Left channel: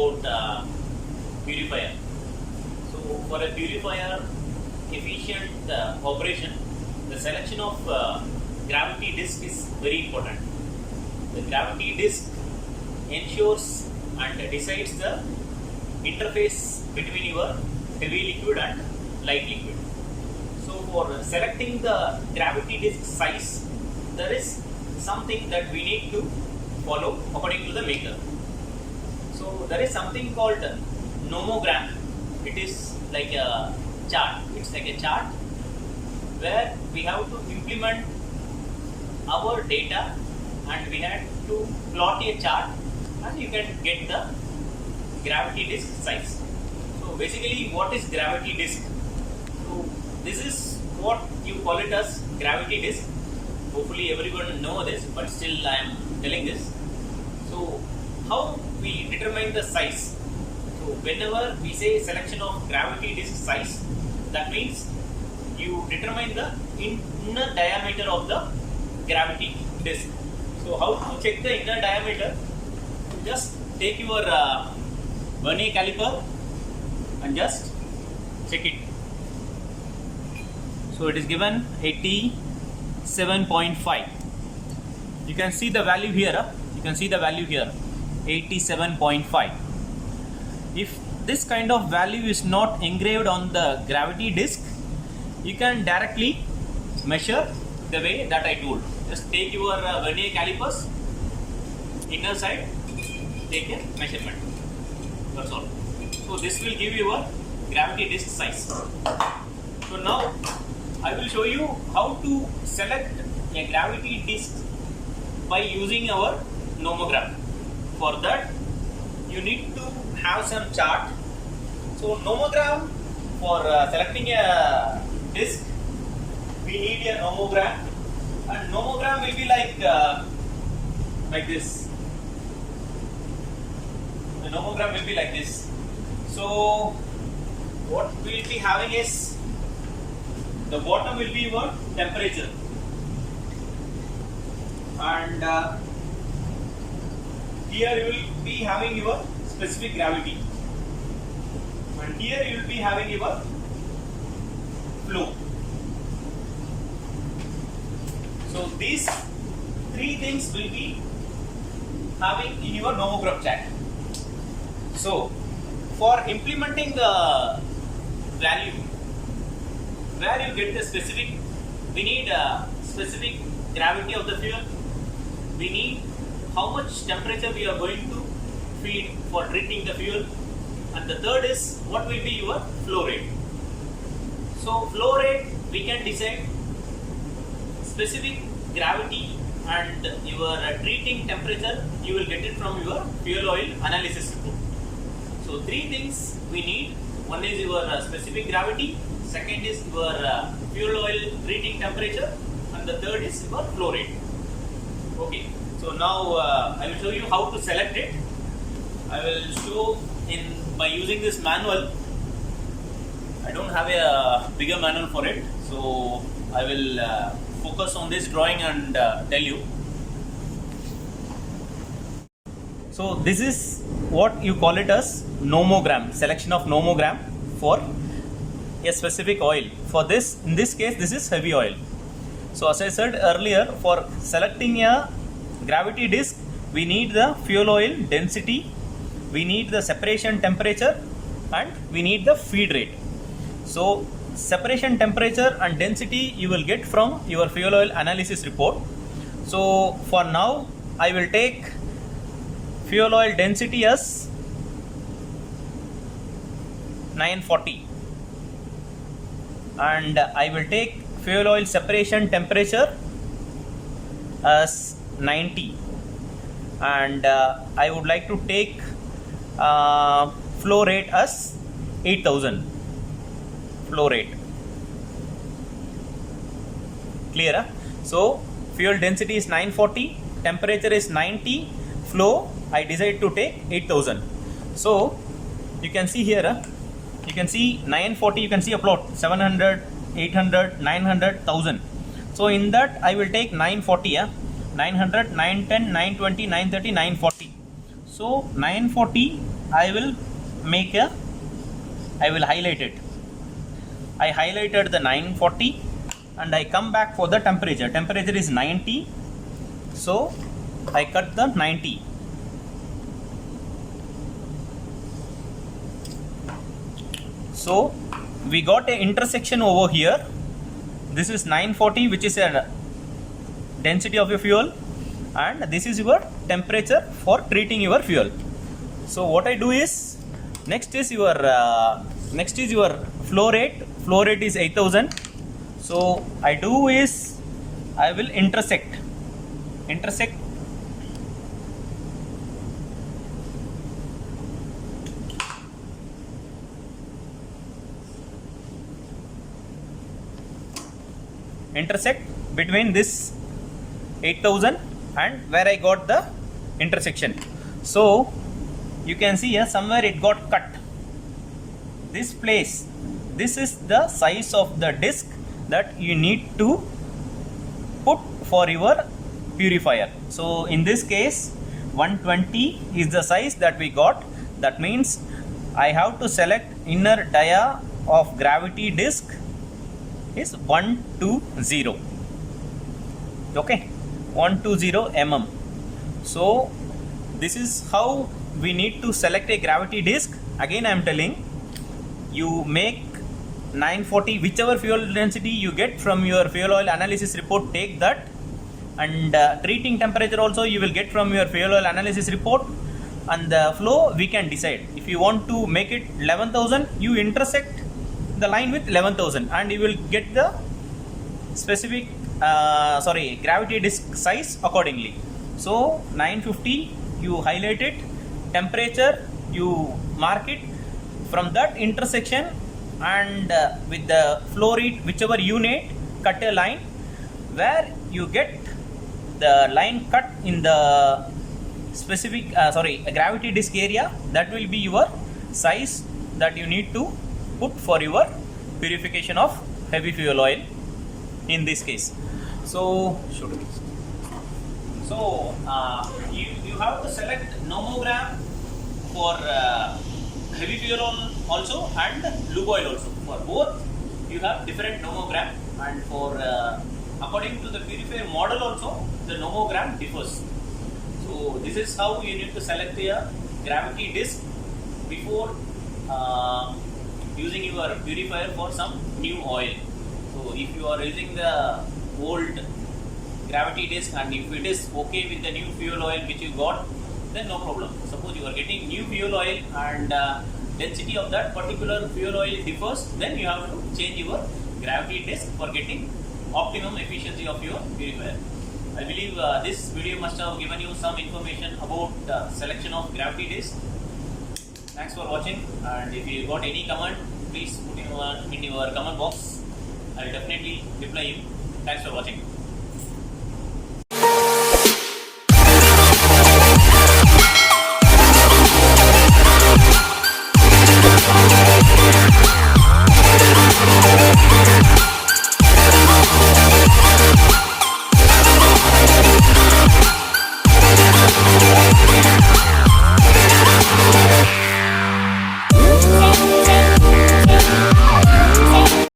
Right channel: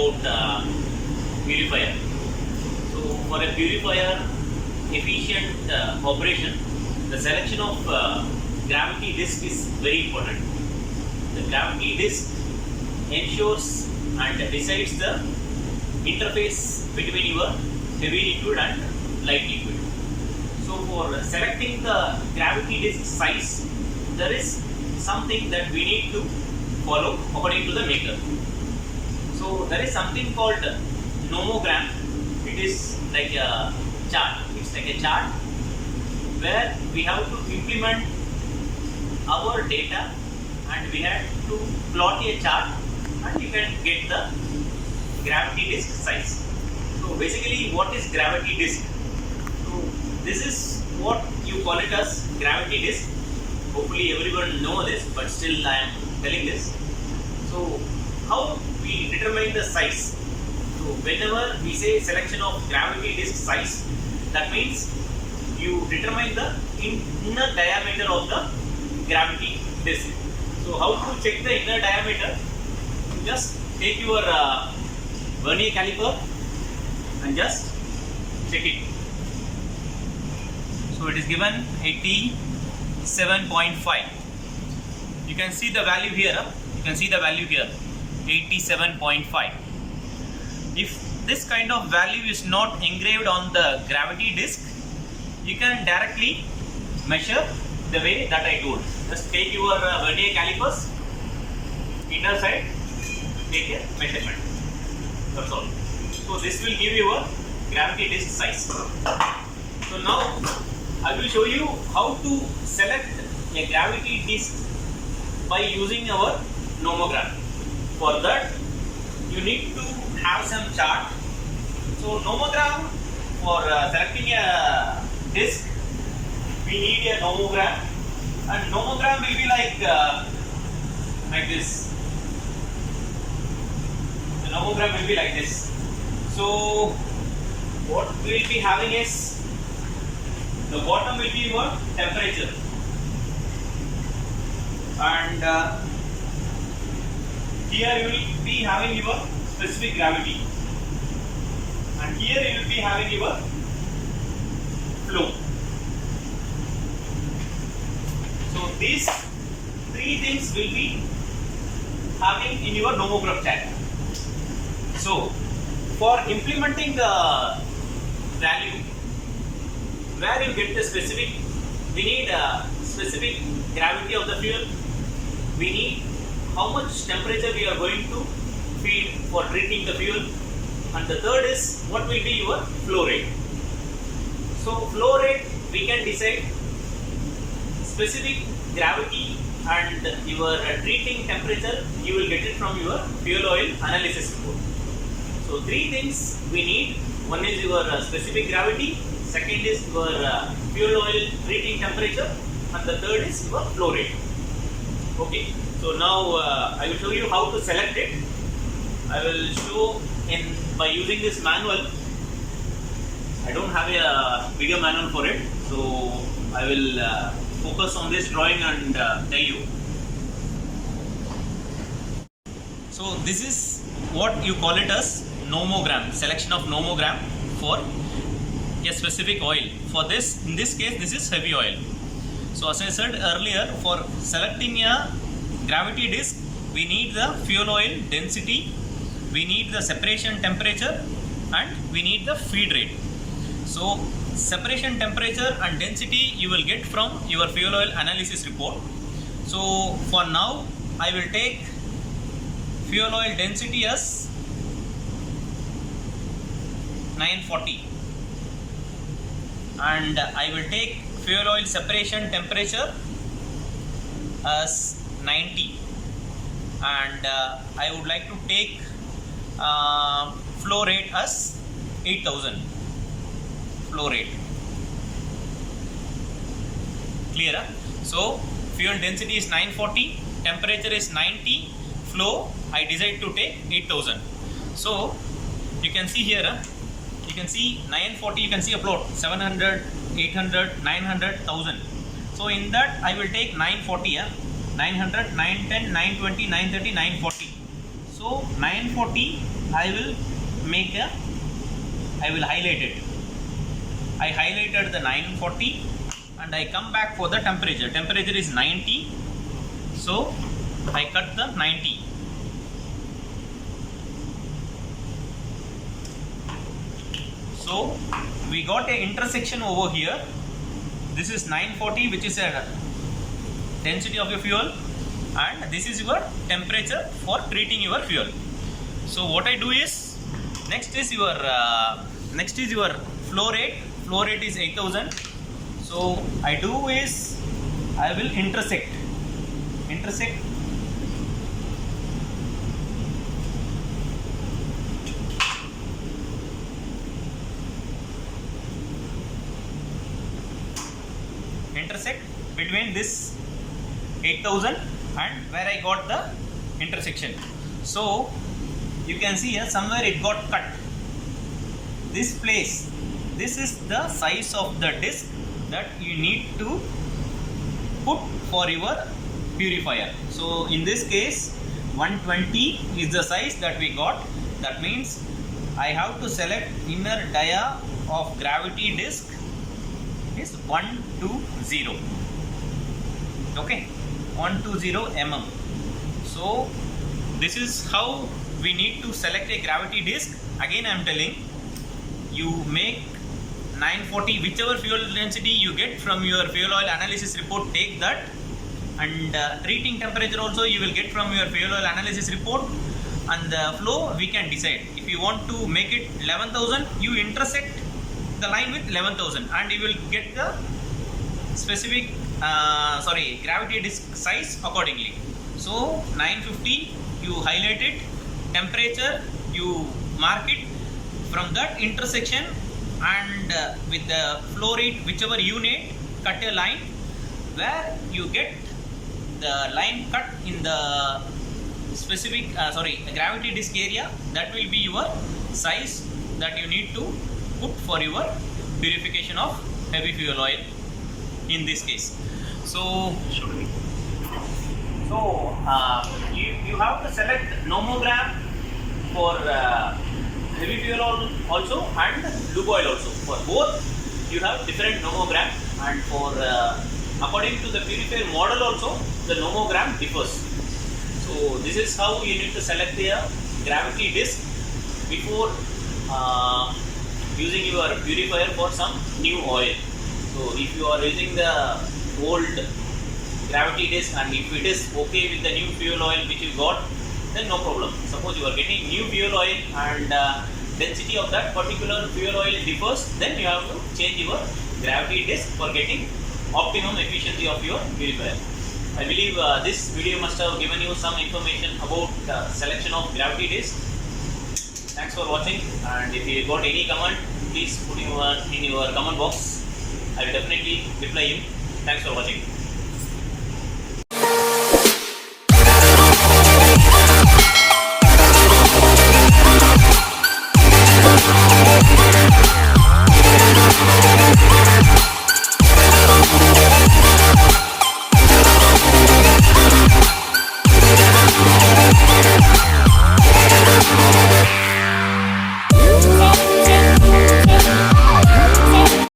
about purifier. So for a purifier efficient operation, the selection of gravity disk is very important. The gravity disk ensures and decides the interface between your heavy liquid and light liquid. So for selecting the gravity disk size, there is something that we need to follow according to the maker. So there is something called nomogram. It is like a chart. It's like a chart where we have to implement our data and we have to plot a chart and you can get the gravity disk size. So basically what is gravity disk? So this is what you call it as gravity disk. Hopefully everyone know this, but still I am telling this. So how we determine the size? So whenever we say selection of gravity disk size, that means you determine the inner diameter of the gravity disk. So how to check the inner diameter? You just take your vernier caliper and just check it. So it is given 87.5. You can see the value here. You can see the value here, 87.5. If this kind of value is not engraved on the gravity disk, you can directly measure the way that I told. Just take your vernier calipers, inner side, take a measurement. That's all. So this will give you a gravity disk size. So now I will show you how to select a gravity disk by using our nomogram. For that you need to have some chart. So nomogram, for selecting a disk, we need a nomogram, and nomogram will be like this. The nomogram will be like this. So what we will be having is, the bottom will be your temperature, and here you will be having your specific gravity, and here you will be having your flow. So these three things will be having in your nomogram chart. So for implementing the value, where you get the specific, we need a specific gravity of the fuel, we need how much temperature we are going to feed for treating the fuel, and the third is what will be your flow rate. So flow rate we can decide specific gravity and your treating temperature, you will get it from your fuel oil analysis report. So three things we need. One is your specific gravity, second is your fuel oil treating temperature, and the third is your flow rate. Okay, so now I will show you how to select it. I will show by using this manual. I don't have a bigger manual for it, so I will focus on this drawing and tell you. So this is what you call it as nomogram, selection of nomogram for a specific oil. For this, in this case, this is heavy oil. So as I said earlier, for selecting a gravity disk, we need the fuel oil density, we need the separation temperature, and we need the feed rate. So separation temperature and density you will get from your fuel oil analysis report. So for now I will take fuel oil density as 940, and I will take fuel oil separation temperature as 90, and I would like to take flow rate as 8000 flow rate. Clear? So fuel density is 940, temperature is 90, flow I decide to take 8000. So you can see here, you can see 940, you can see a plot 700, 800, 900, 1000. So in that I will take 940, 900, 910, 920, 930, 940. So 940 I will highlight it. I highlighted the 940 and I come back for the temperature. Temperature is 90, so I cut the 90. So we got a intersection over here. This is 940, which is a density of your fuel, and this is your temperature for treating your fuel. So what I do is, next is your flow rate. Flow rate is 8000. So I do is, I will intersect between this 8000 and where I got the intersection. So you can see here somewhere it got cut. This place, this is the size of the disc that you need to put for your purifier. So in this case 120 is the size that we got. That means I have to select inner dia of gravity disc is 120. Okay, 120 mm. So this is how we need to select a gravity disc. Again I am telling, you make 940, whichever fuel density you get from your fuel oil analysis report, take that, and treating temperature also you will get from your fuel oil analysis report, and the flow we can decide. If you want to make it 11,000, you intersect the line with 11,000 and you will get the specific gravity disc size accordingly. So 950 you highlight it, temperature you mark it, from that intersection and with the flow rate whichever you need, cut a line where you get the line cut in the specific gravity disc area. That will be your size that you need to put for your purification of heavy fuel oil in this case. So you have to select nomogram for heavy fuel oil also and lube oil also. For both you have different nomogram, and for according to the purifier model also the nomogram differs. So this is how you need to select the gravity disc before using your purifier for some new oil. So if you are using the old gravity disc and if it is okay with the new fuel oil which you got, then no problem. Suppose you are getting new fuel oil and density of that particular fuel oil differs, then you have to change your gravity disc for getting optimum efficiency of your purifier. I believe this video must have given you some information about selection of gravity disc. Thanks for watching, and if you got any comment, please put in your comment box. I will definitely reply you. Thanks for watching.